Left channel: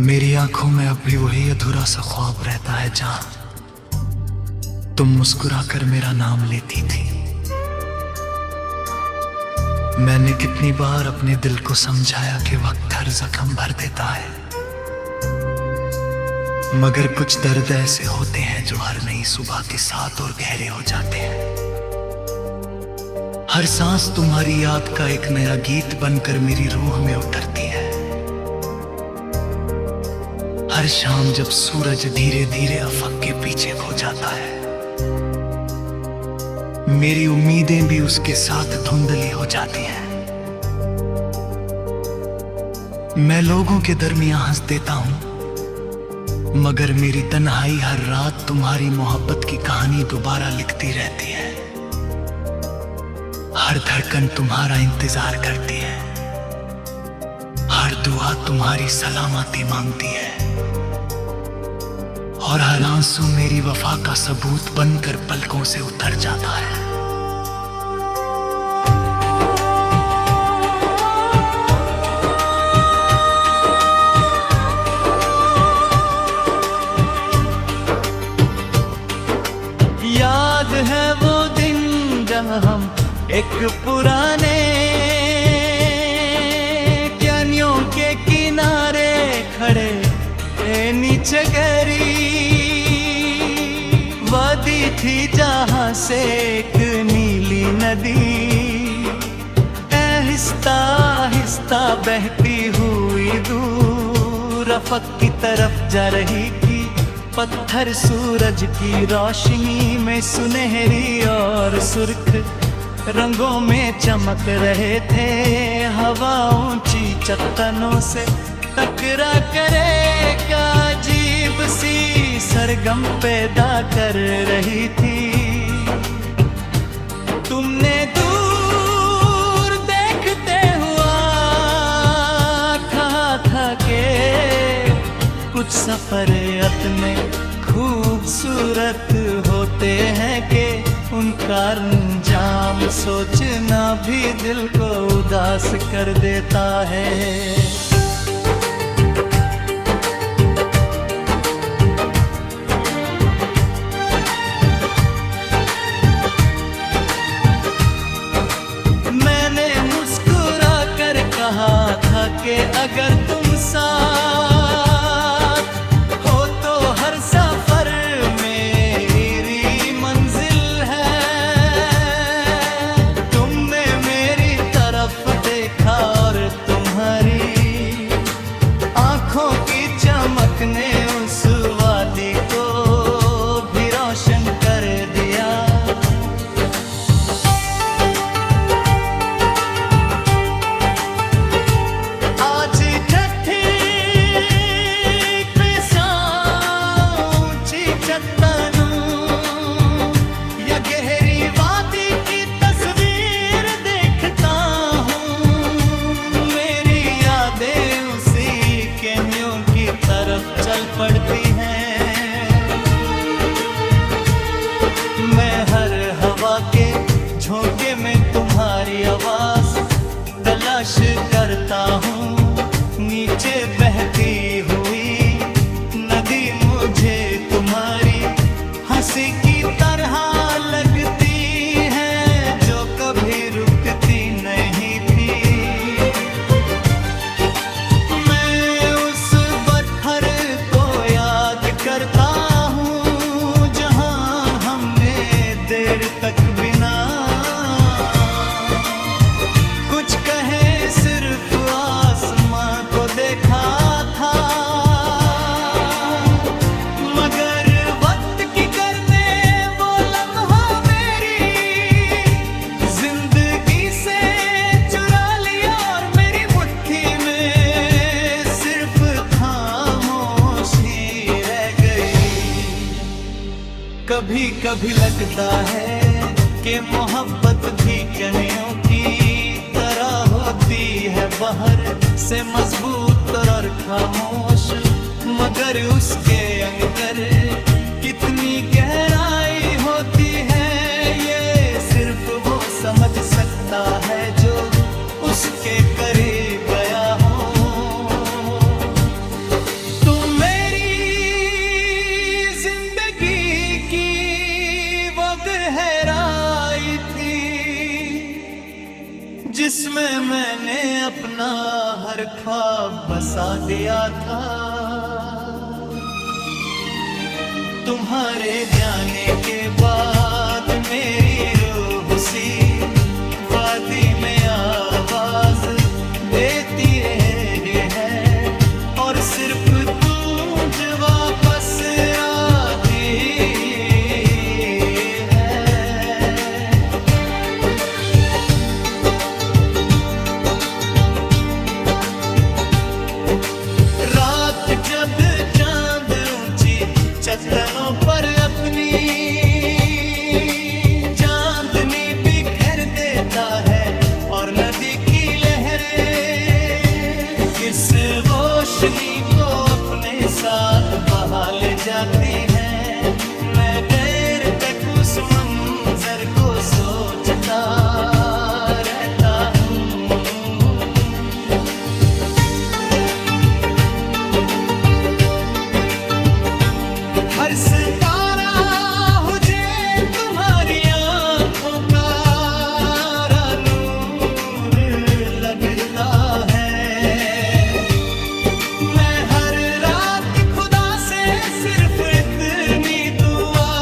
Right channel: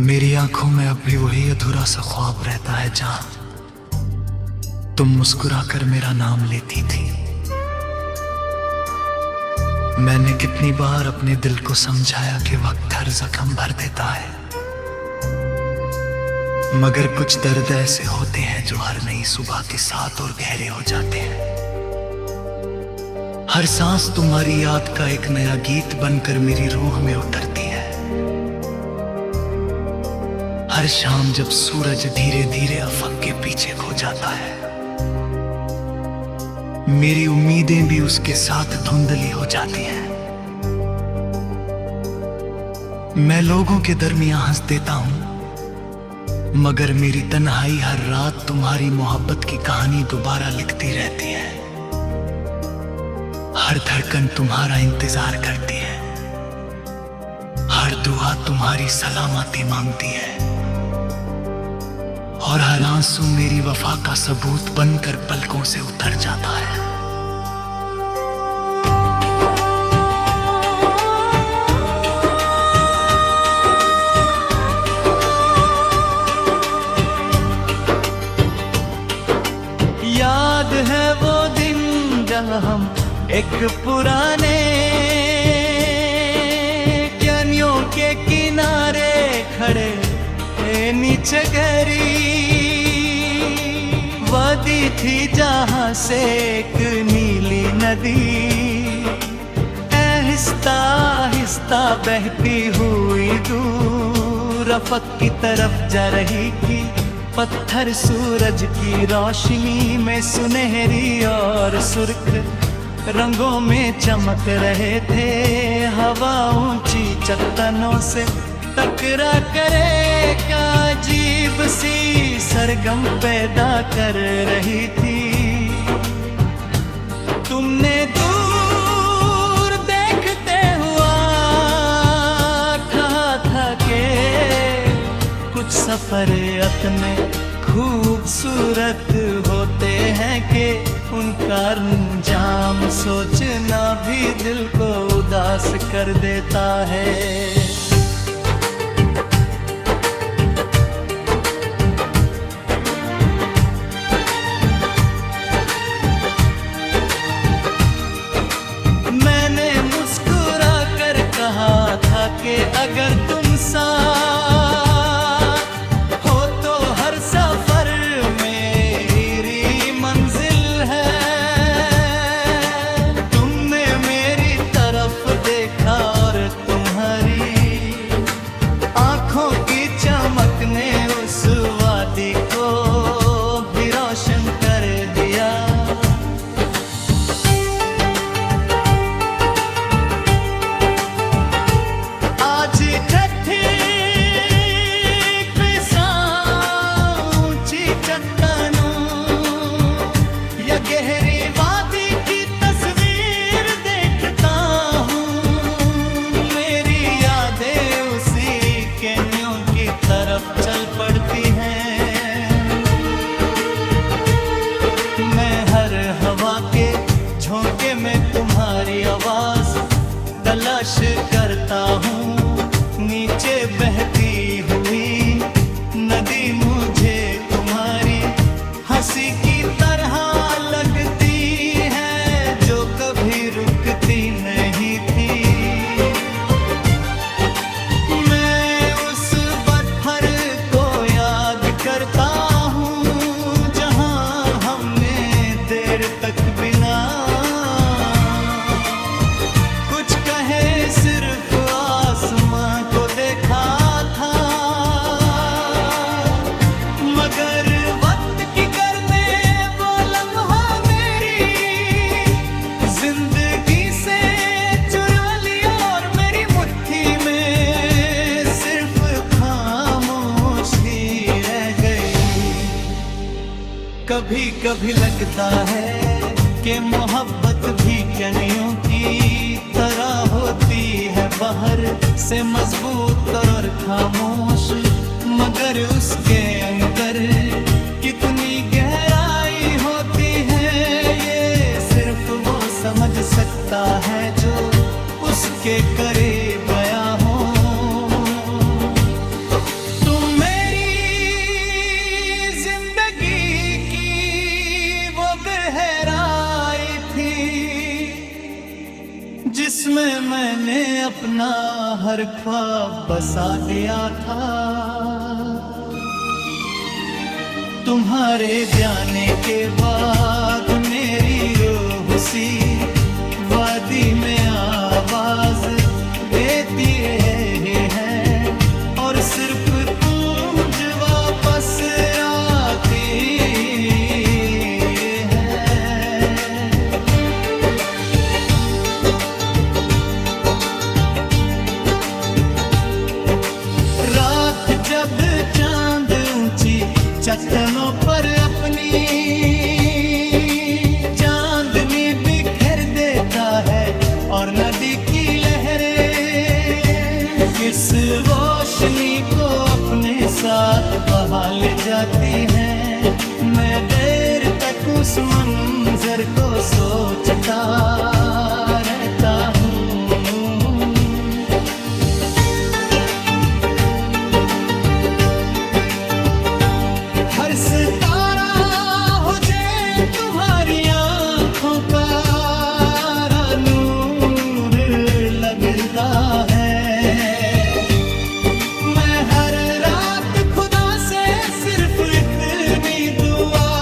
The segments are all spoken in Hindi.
मेरी आंखों में अब भी वही अधूरा सा ख्वाब रहता है जहां तुम मुस्कुराकर मेरा नाम लेती थी। मैंने कितनी बार अपने दिल को समझाया कि वक्त हर जख्म भर देता है, मगर कुछ दर्द ऐसे होते हैं जो हर नई सुबह के साथ और गहरे हो जाते हैं। हर सांस तुम्हारी याद का एक नया गीत बनकर मेरी रूह में उतरती है। हर शाम जब सूरज धीरे धीरे अफक के पीछे खो जाता है, मेरी उम्मीदें भी उसके साथ धुंधली हो जाती हैं। मैं लोगों के दरमियां हंस देता हूं, मगर मेरी तन्हाई हर रात तुम्हारी मोहब्बत की कहानी दोबारा लिखती रहती है। हर धड़कन तुम्हारा इंतजार करती है, हर दुआ तुम्हारी सलामती मांगती है, और हर आंसू मेरी वफा का सबूत बनकर पलकों से उतर जाता है। याद है वो दिन जब हम एक पुराने कैनियों के किनारे खड़े नीचे गहरी वादी थी जहां से एक नीली नदी आहिस्ता आहिस्ता बहती हुई दूर अफक की तरफ जा रही थी। पत्थर सूरज की रोशनी में सुनहरी और सुर्ख रंगों में चमक रहे थे। हवा ऊंची चट्टानों से टकरा करे का अजीब सी सरगम पैदा कर रही थी। तुमने दूर देखते हुआ कहा था कि कुछ सफर इतने खूबसूरत होते हैं कि उनका अंजाम सोचना भी दिल को उदास कर देता है। मैंने मुस्कुरा कर कहा था कि अगर तुम साथ सफर मेरी मंजिल है। तुमने मेरी तरफ देखा और तुम्हारी आंखों की चमक ने उस वादी को भी रोशन कर दिया। गहरी वादी की तस्वीर देखता हूँ, मेरी यादें उसी कैनियों की तरफ चल पड़ती हैं। मैं हर हवा के झोंके में तुम्हारी आवाज तलाश करता हूँ। नीचे बहती हुई नदी मुझे तुम्हारी हंसी की तरह लगती है, जो कभी रुकती नहीं थी। मैं उस पत्थर को याद करता हूँ जहाँ हमने देर तक बिना कुछ कहे सिर्फ आसमां को देखा था। मगर कभी कभी लगता है कि मोहब्बत भी कनियों की तरह होती है, बाहर से मजबूत और खामोश, मगर उसके अंदर कितनी गहराई होती है ये सिर्फ वो समझ सकता है जो उसके करीब गया हो। जिसमें मैंने अपना हर ख्वाब बसा दिया था। तुम्हारे जाने के बाद मेरी रूह सी वादी में आवाज देती रही है, और सिर्फ तू जो वापस आती है। रात जब चांद ऊंची चट्टानों पर अपनी चांदनी बिखेर देता है, और नदी की लहरें इस रोशनी को अपने साथ बहा ले जाती हैं। मैं देर तक उस मंजर को सोचता रहता हूँ। हर सितारा हो जाए तुम्हारी आंखों का नूर लगता है। मैं हर रात खुदा से सिर्फ इतनी दुआ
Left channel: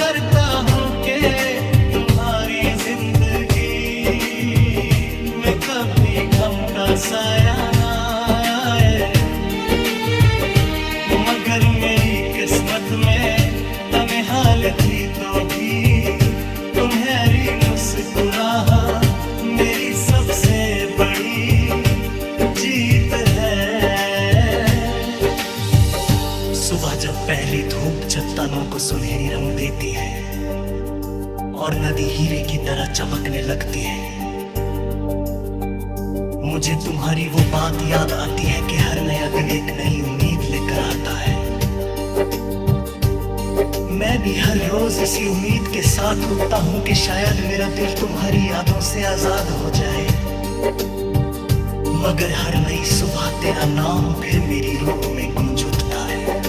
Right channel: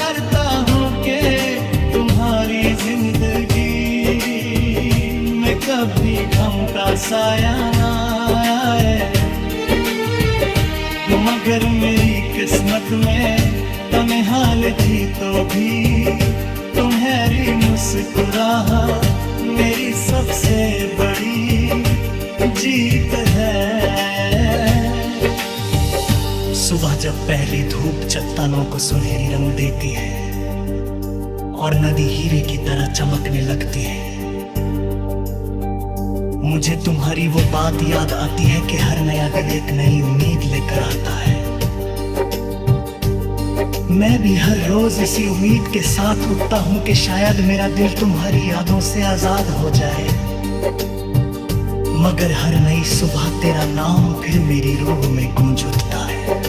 करता हूँ कि तुम्हारी जिंदगी में कभी गम का साया ना आए। मगर मेरी किस्मत में तन्हाई थी तो भी तुम्हारी मुस्कुराहट मेरी सबसे बड़ी जीत है। सुबह जब पहली धूप चट्टानों को सुनहरी रंग देती है और नदी हीरे की तरह चमकने लगती है, मुझे तुम्हारी वो बात याद आती है कि हर नया दिन एक नई उम्मीद लेकर आता है। मैं भी हर रोज इसी उम्मीद के साथ उठता हूं कि शायद मेरा दिल तुम्हारी यादों से आजाद हो जाए। मगर हर नई सुबह तेरा नाम फिर मेरी रूह में गूंज उठता है।